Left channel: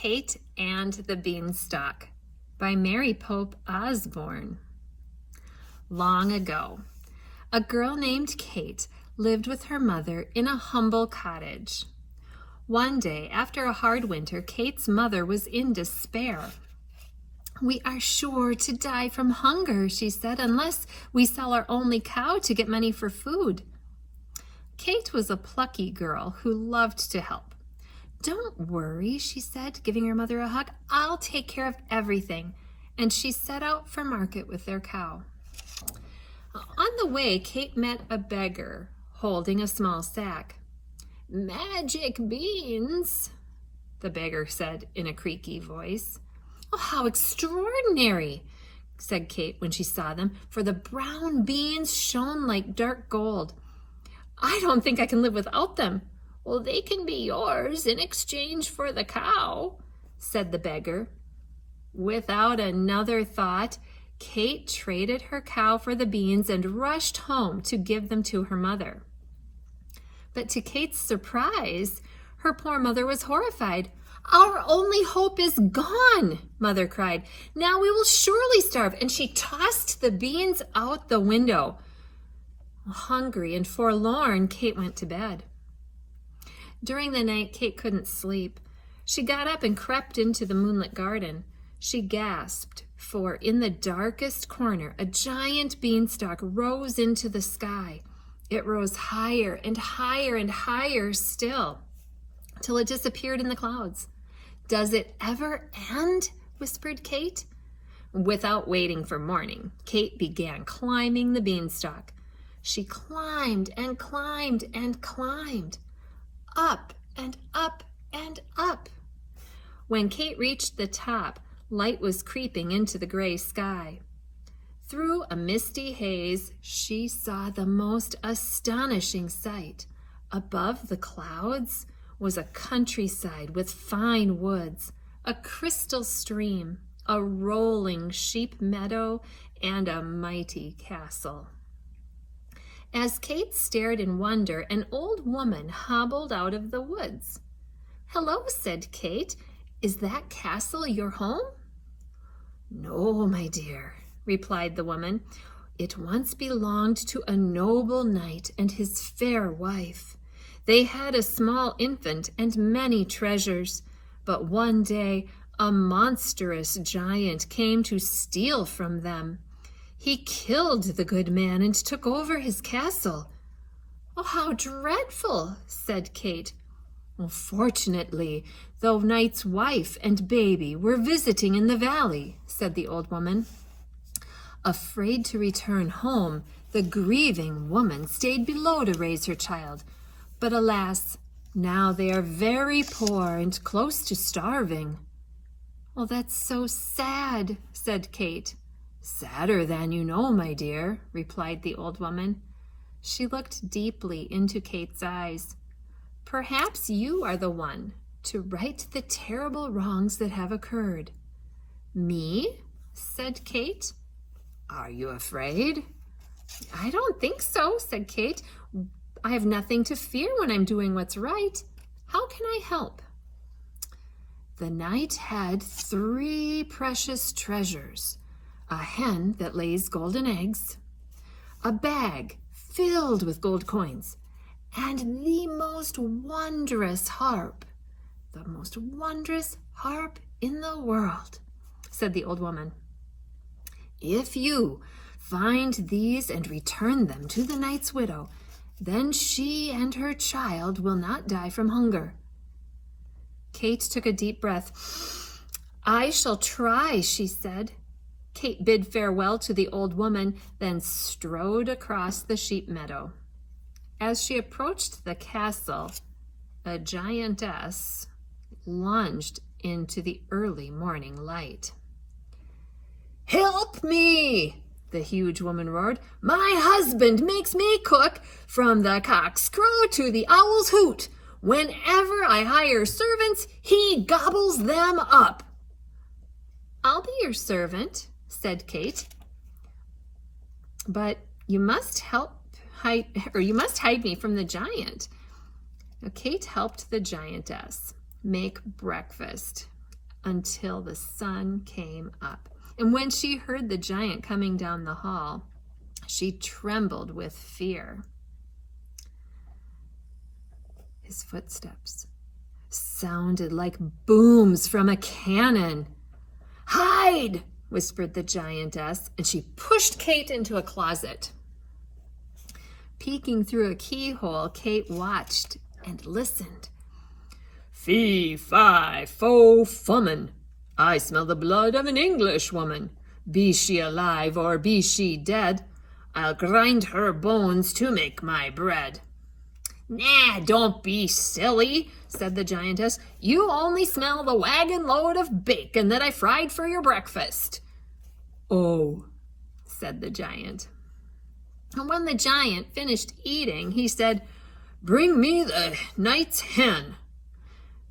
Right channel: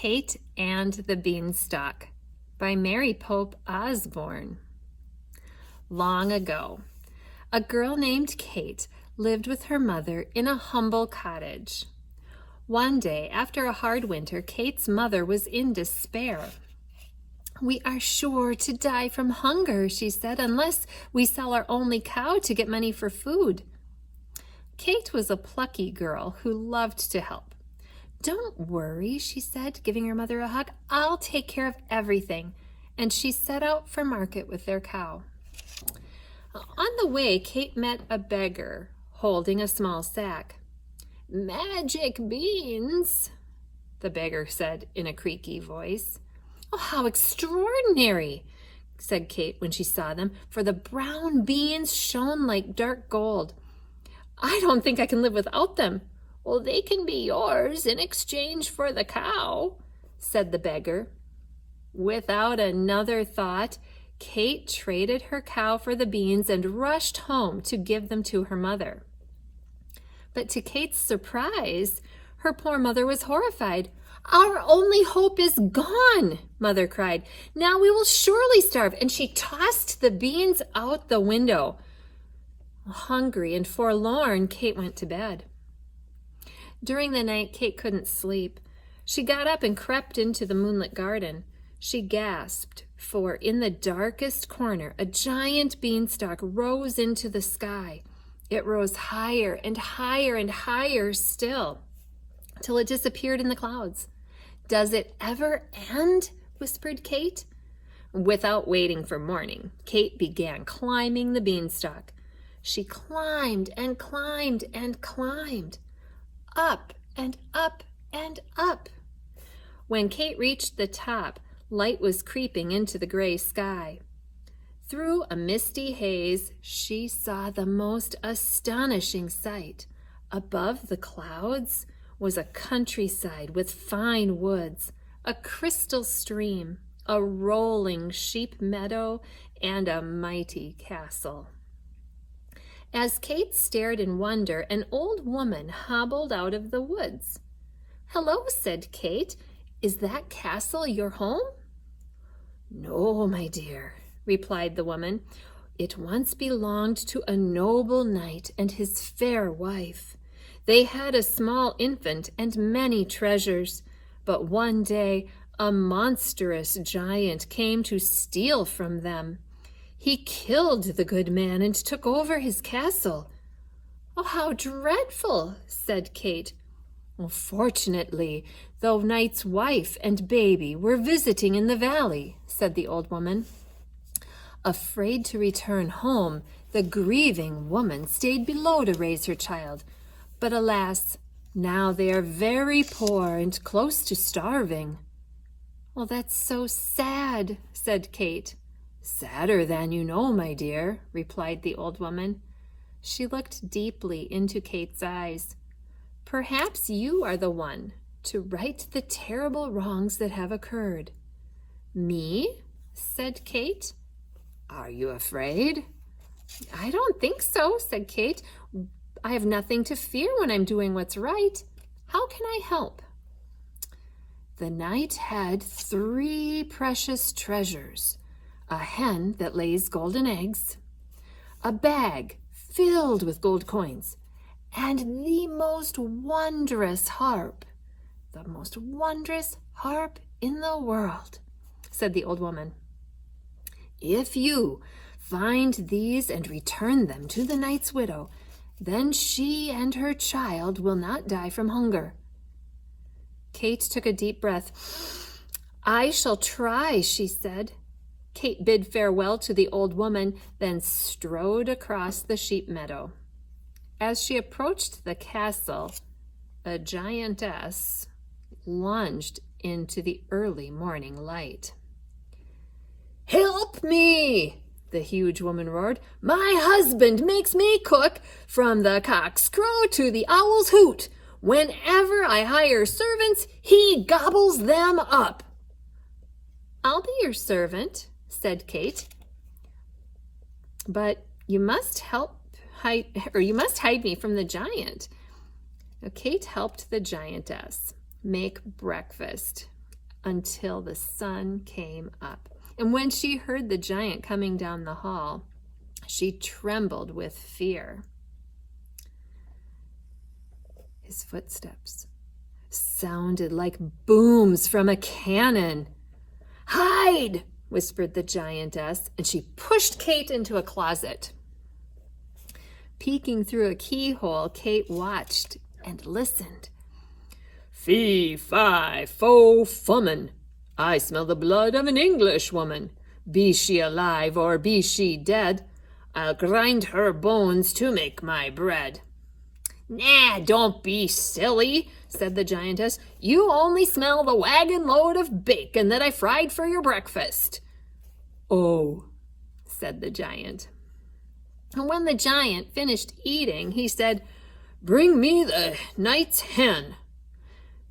Kate and the Beanstalk by Mary Pope Osborne. Long ago, a girl named Kate lived with her mother in a humble cottage. One day, after a hard winter, Kate's mother was in despair. "We are sure to die from hunger," she said, "unless we sell our only cow to get money for food." Kate was a plucky girl who loved to help. "Don't worry," she said, giving her mother a hug. "I'll take care of everything." And she set out for market with their cow. On the way, Kate met a beggar holding a small sack. "Magic beans," the beggar said in a creaky voice. "Oh, how extraordinary," said Kate when she saw them, for the brown beans shone like dark gold. "I don't think I can live without them." "Well, they can be yours in exchange for the cow," said the beggar. Without another thought, Kate traded her cow for the beans and rushed home to give them to her mother. But to Kate's surprise, her poor mother was horrified. "Our only hope is gone," Mother cried. "Now we will surely starve." And she tossed the beans out the window. Hungry and forlorn, Kate went to bed. During the night, Kate couldn't sleep. She got up and crept into the moonlit garden. She gasped, for in the darkest corner, a giant beanstalk rose into the sky. It rose higher and higher and higher still, till it disappeared in the clouds. "Does it ever end?" whispered Kate. Without waiting for morning, Kate began climbing the beanstalk. She climbed and climbed and climbed, up and up and up. When Kate reached the top, light was creeping into the gray sky. Through a misty haze, she saw the most astonishing sight. Above the clouds was a countryside with fine woods, a crystal stream, a rolling sheep meadow, and a mighty castle. As Kate stared in wonder, an old woman hobbled out of the woods. "Hello," said Kate. "Is that castle your home?" "No, my dear," replied the woman. "It once belonged to a noble knight and his fair wife. They had a small infant and many treasures, but one day a monstrous giant came to steal from them. He killed the good man and took over his castle." "Oh, how dreadful," said Kate. "Well, fortunately, the knight's wife and baby were visiting in the valley," said the old woman. Afraid to return home, the grieving woman stayed below to raise her child. But alas, now they are very poor and close to starving. "Well, that's so sad," said Kate. "Sadder than you know, my dear," replied the old woman. She looked deeply into Kate's eyes. "Perhaps you are the one to right the terrible wrongs that have occurred." "Me?" said Kate. "Are you afraid?" "I don't think so," said Kate. "I have nothing to fear when I'm doing what's right. How can I help?" "The knight had 3 precious treasures: a hen that lays golden eggs, a bag filled with gold coins, and the most wondrous harp in the world," said the old woman. "If you find these and return them to the knight's widow, then she and her child will not die from hunger." Kate took a deep breath. "I shall try," she said. Kate bid farewell to the old woman, then strode across the sheep meadow. As she approached the castle, a giantess lunged into the early morning light. "Help me!" the huge woman roared. "My husband makes me cook from the cock's crow to the owl's hoot. Whenever I hire servants, he gobbles them up." "I'll be your servant," said Kate. "But you must hide me from the giant." Now, Kate helped the giantess make breakfast, until the sun came up. And when she heard the giant coming down the hall, she trembled with fear. His footsteps sounded like booms from a cannon. "Hide!" whispered the giantess, and she pushed Kate into a closet. Peeking through a keyhole, Kate watched and listened. "Fee, fi, fo, fummin. I smell the blood of an Englishwoman. Be she alive or be she dead, I'll grind her bones to make my bread." "Nah, don't be silly," said the giantess. "You only smell the wagon load of bacon that I fried for your breakfast." "Oh," said the giant. And when the giant finished eating, he said, "Bring me the knight's hen."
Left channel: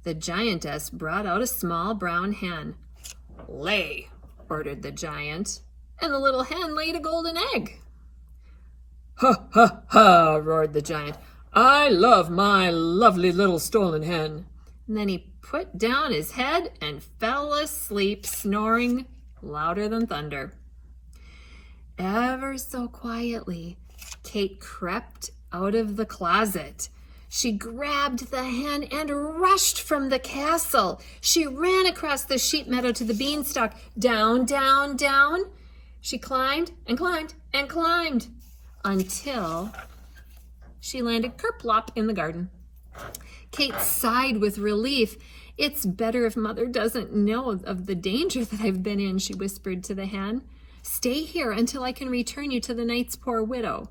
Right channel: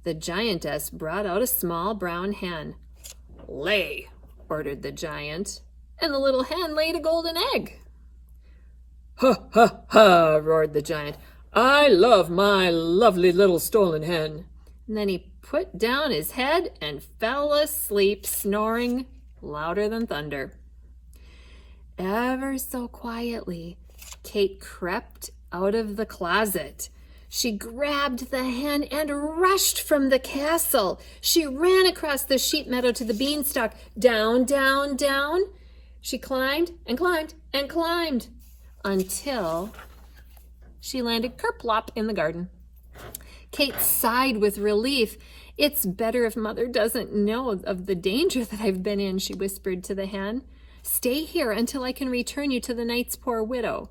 The giantess brought out a small brown hen. "Lay," ordered the giant, and the little hen laid a golden egg. "Ha, ha, ha," roared the giant. "I love my lovely little stolen hen." And then he put down his head and fell asleep, snoring louder than thunder. Ever so quietly, Kate crept out of the closet. She grabbed the hen and rushed from the castle. She ran across the sheep meadow to the beanstalk. Down, down, down. She climbed and climbed and climbed until she landed kerplop in the garden. Kate sighed with relief. "It's better if Mother doesn't know of the danger that I've been in," she whispered to the hen. "Stay here until I can return you to the knight's poor widow."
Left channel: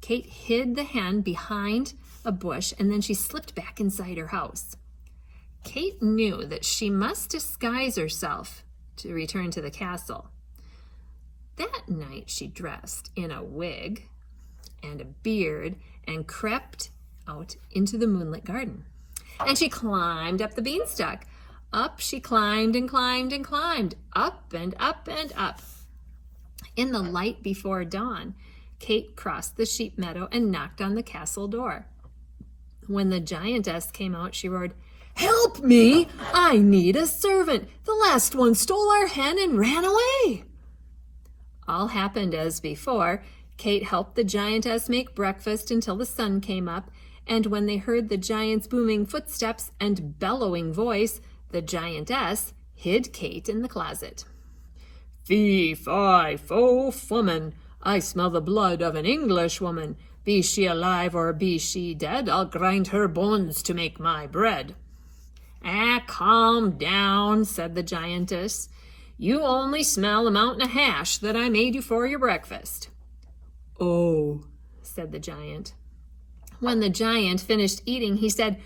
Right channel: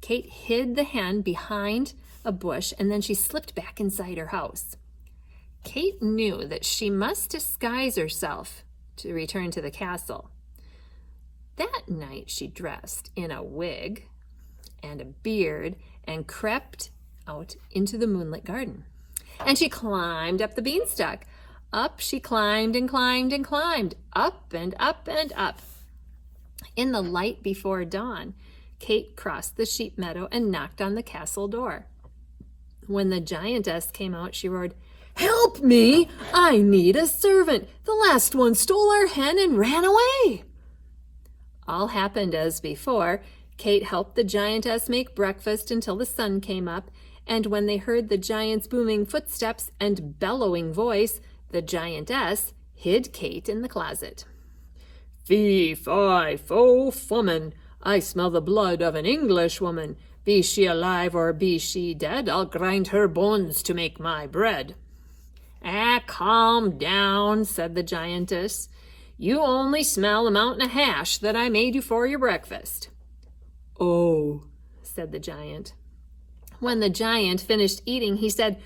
Kate hid the hen behind a bush, and then she slipped back inside her house. Kate knew that she must disguise herself to return to the castle. That night she dressed in a wig and a beard and crept out into the moonlit garden. And she climbed up the beanstalk. Up she climbed and climbed and climbed, up and up and up. In the light before dawn, Kate crossed the sheep meadow and knocked on the castle door. When the giantess came out, she roared, "Help me! I need a servant. The last one stole our hen and ran away." All happened as before. Kate helped the giantess make breakfast until the sun came up, and when they heard the giant's booming footsteps and bellowing voice, the giantess hid Kate in the closet. "Fee, fi, fo, fummin. I smell the blood of an Englishwoman. Be she alive or be she dead, I'll grind her bones to make my bread." "Ah, calm down," said the giantess. "You only smell a mountain of hash that I made you for your breakfast." "Oh," said the giant. When the giant finished eating, he said,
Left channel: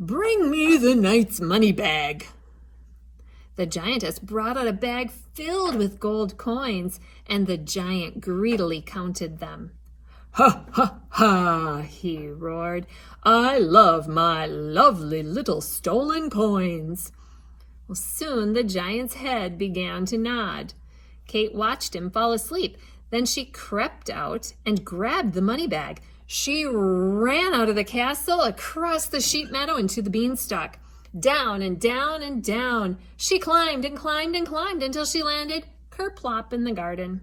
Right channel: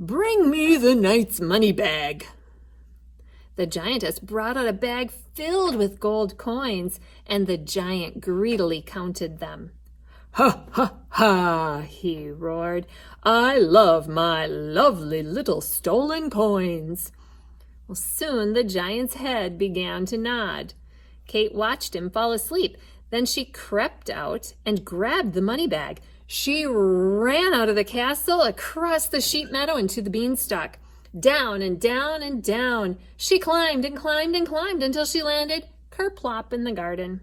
"Bring me the knight's money bag." The giantess brought out a bag filled with gold coins, and the giant greedily counted them. "Ha, ha, ha," he roared. "I love my lovely little stolen coins." Well, soon the giant's head began to nod. Kate watched him fall asleep. Then she crept out and grabbed the money bag. She ran out of the castle, across the sheep meadow, into the beanstalk. Down and down and down. She climbed and climbed and climbed until she landed kerplop in the garden.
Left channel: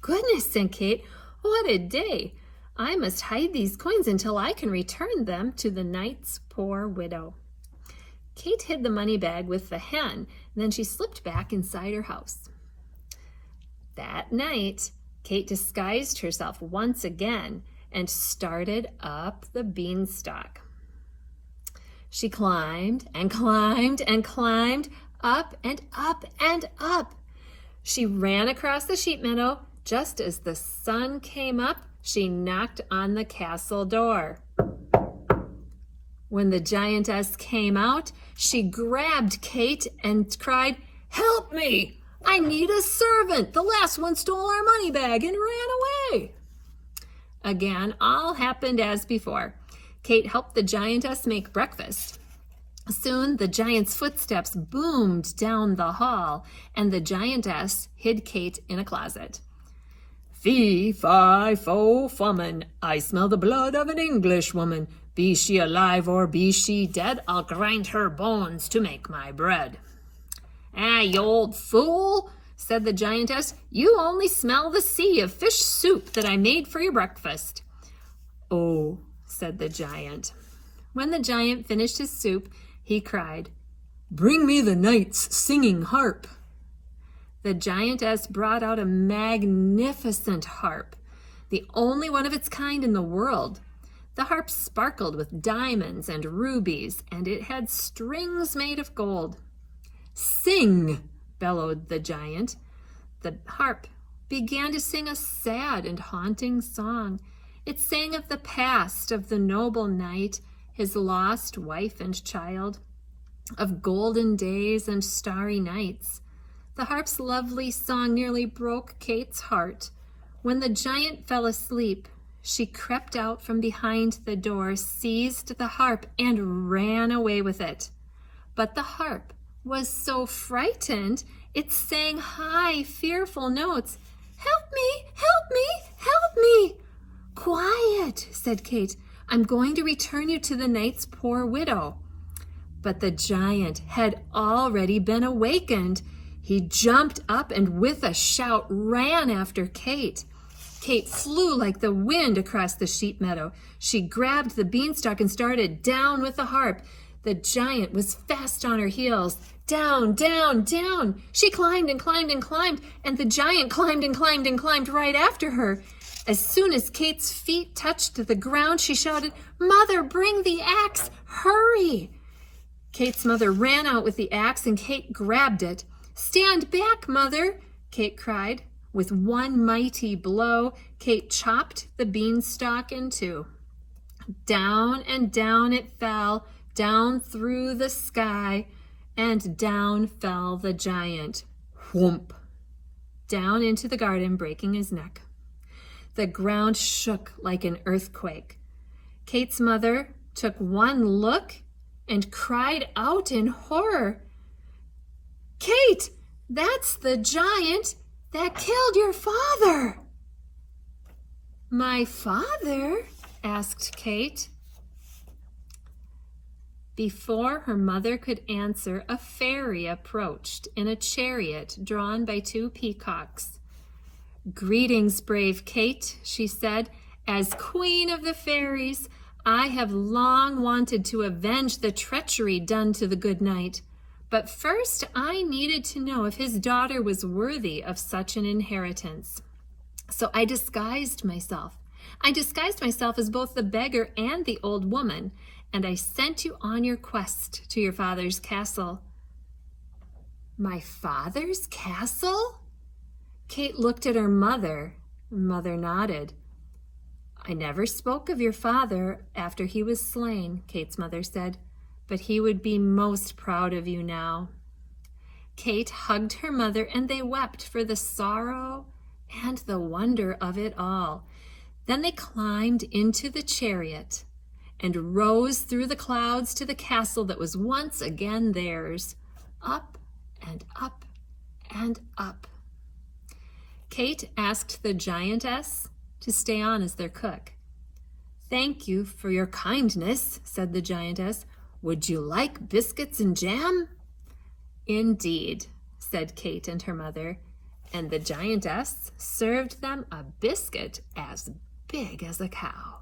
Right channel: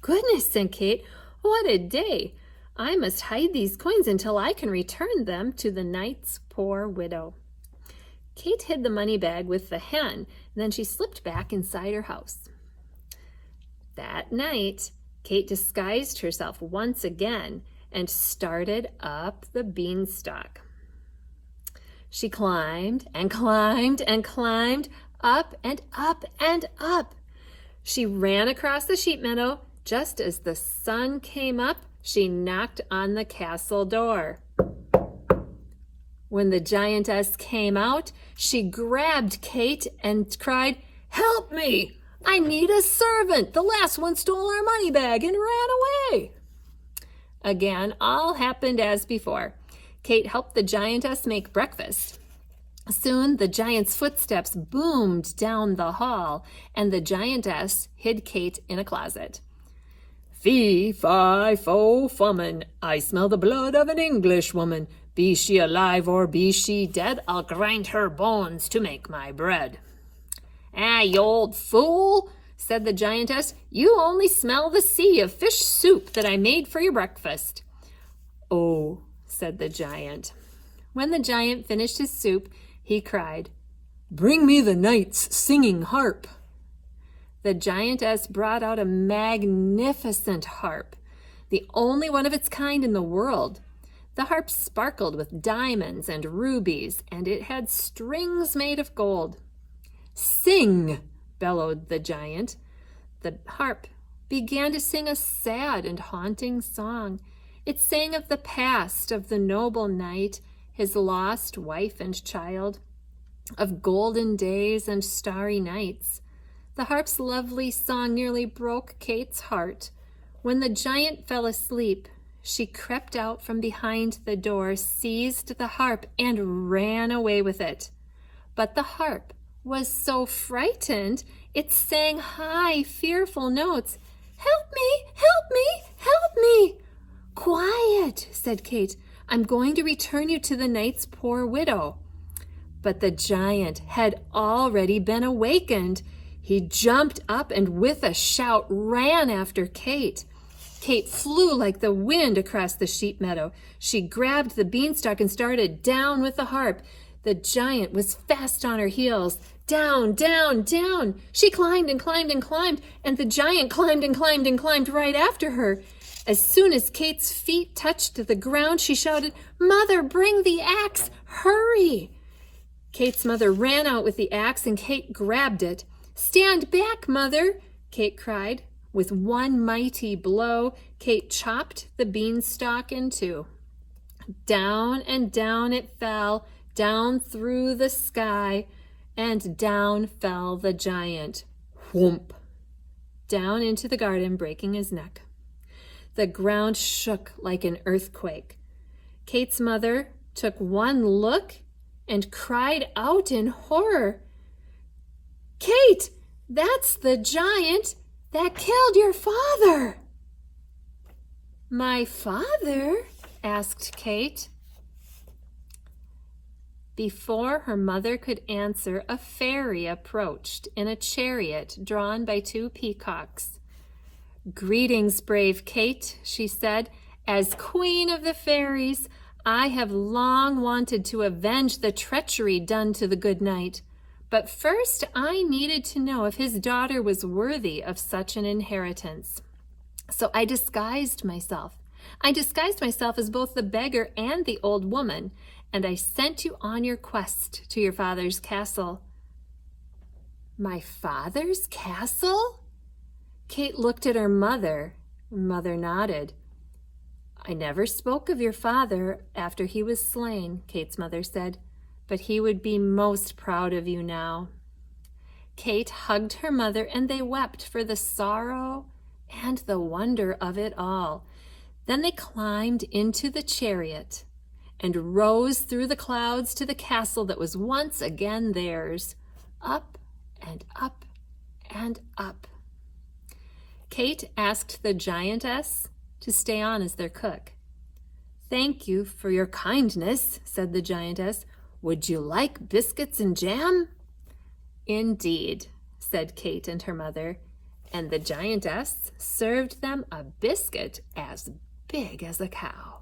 "Goodness," said Kate, "what a day! I must hide these coins until I can return them to the knight's poor widow." Kate hid the money bag with the hen, and then she slipped back inside her house. That night, Kate disguised herself once again and started up the beanstalk. She climbed and climbed and climbed, up and up and up. She ran across the sheep meadow. Just as the sun came up, she knocked on the castle door. When the giantess came out, she grabbed Kate and cried, "Help me! I need a servant. The last one stole our money bag and ran away." Again, all happened as before. Kate helped the giantess make breakfast. Soon the giant's footsteps boomed down the hall, and the giantess hid Kate in a closet. "Fee, fi, fo, fummin. I smell the blood of an Englishwoman. Be she alive or be she dead, I'll grind her bones to make my bread." "Ah, you old fool," said the giantess. "You only smell the sea of fish soup that I made for your breakfast." "Oh," said the giant. When the giant finished his soup, he cried, "Bring me the knight's singing harp." The giantess brought out a magnificent harp, the only one of its kind in the world. The harp sparkled with diamonds and rubies, and it had strings made of gold. "Sing!" bellowed the giant. The harp began to sing a sad and haunting song. It sang of the past, of the noble knight, his lost wife and child, of golden days and starry nights. The harp's lovely song nearly broke Kate's heart. When the giant fell asleep, she crept out from behind the door, seized the harp, and ran away with it. But the harp was so frightened, it sang high, fearful notes. "Help me! Help me! Help me!" "Quiet," said Kate. "I'm going to return you to the knight's poor widow." But the giant had already been awakened. He jumped up and with a shout ran after Kate. Kate flew like the wind across the sheep meadow. She grabbed the beanstalk and started down with the harp. The giant was fast on her heels. Down, down, down. She climbed and climbed and climbed, and the giant climbed and climbed and climbed right after her. As soon as Kate's feet touched the ground, she shouted, "Mother, bring the axe! Hurry!" Kate's mother ran out with the axe, and Kate grabbed it. "Stand back, Mother!" Kate cried. With one mighty blow, Kate chopped the beanstalk in two. Down and down it fell, down through the sky, and down fell the giant. Whoomp! Down into the garden, breaking his neck. The ground shook like an earthquake. Kate's mother took one look and cried out in horror, "Kate, that's the giant that killed your father." "My father?" asked Kate. Before her mother could answer, a fairy approached in a chariot drawn by two peacocks. "Greetings, brave Kate," she said. "As queen of the fairies, I have long wanted to avenge the treachery done to the good knight. But first I needed to know if his daughter was worthy of such an inheritance. So I disguised myself. I disguised myself as both the beggar and the old woman, and I sent you on your quest to your father's castle." "My father's castle?" Kate looked at her mother. Mother nodded. "I never spoke of your father after he was slain," Kate's mother said. "But he would be most proud of you now." Kate hugged her mother, and they wept for the sorrow and the wonder of it all. Then they climbed into the chariot and rose through the clouds to the castle that was once again theirs, up and up and up. Kate asked the giantess to stay on as their cook. "Thank you for your kindness," said the giantess. "Would you like biscuits and jam?" "Indeed," said Kate and her mother, and the giantess served them a biscuit as big as a cow.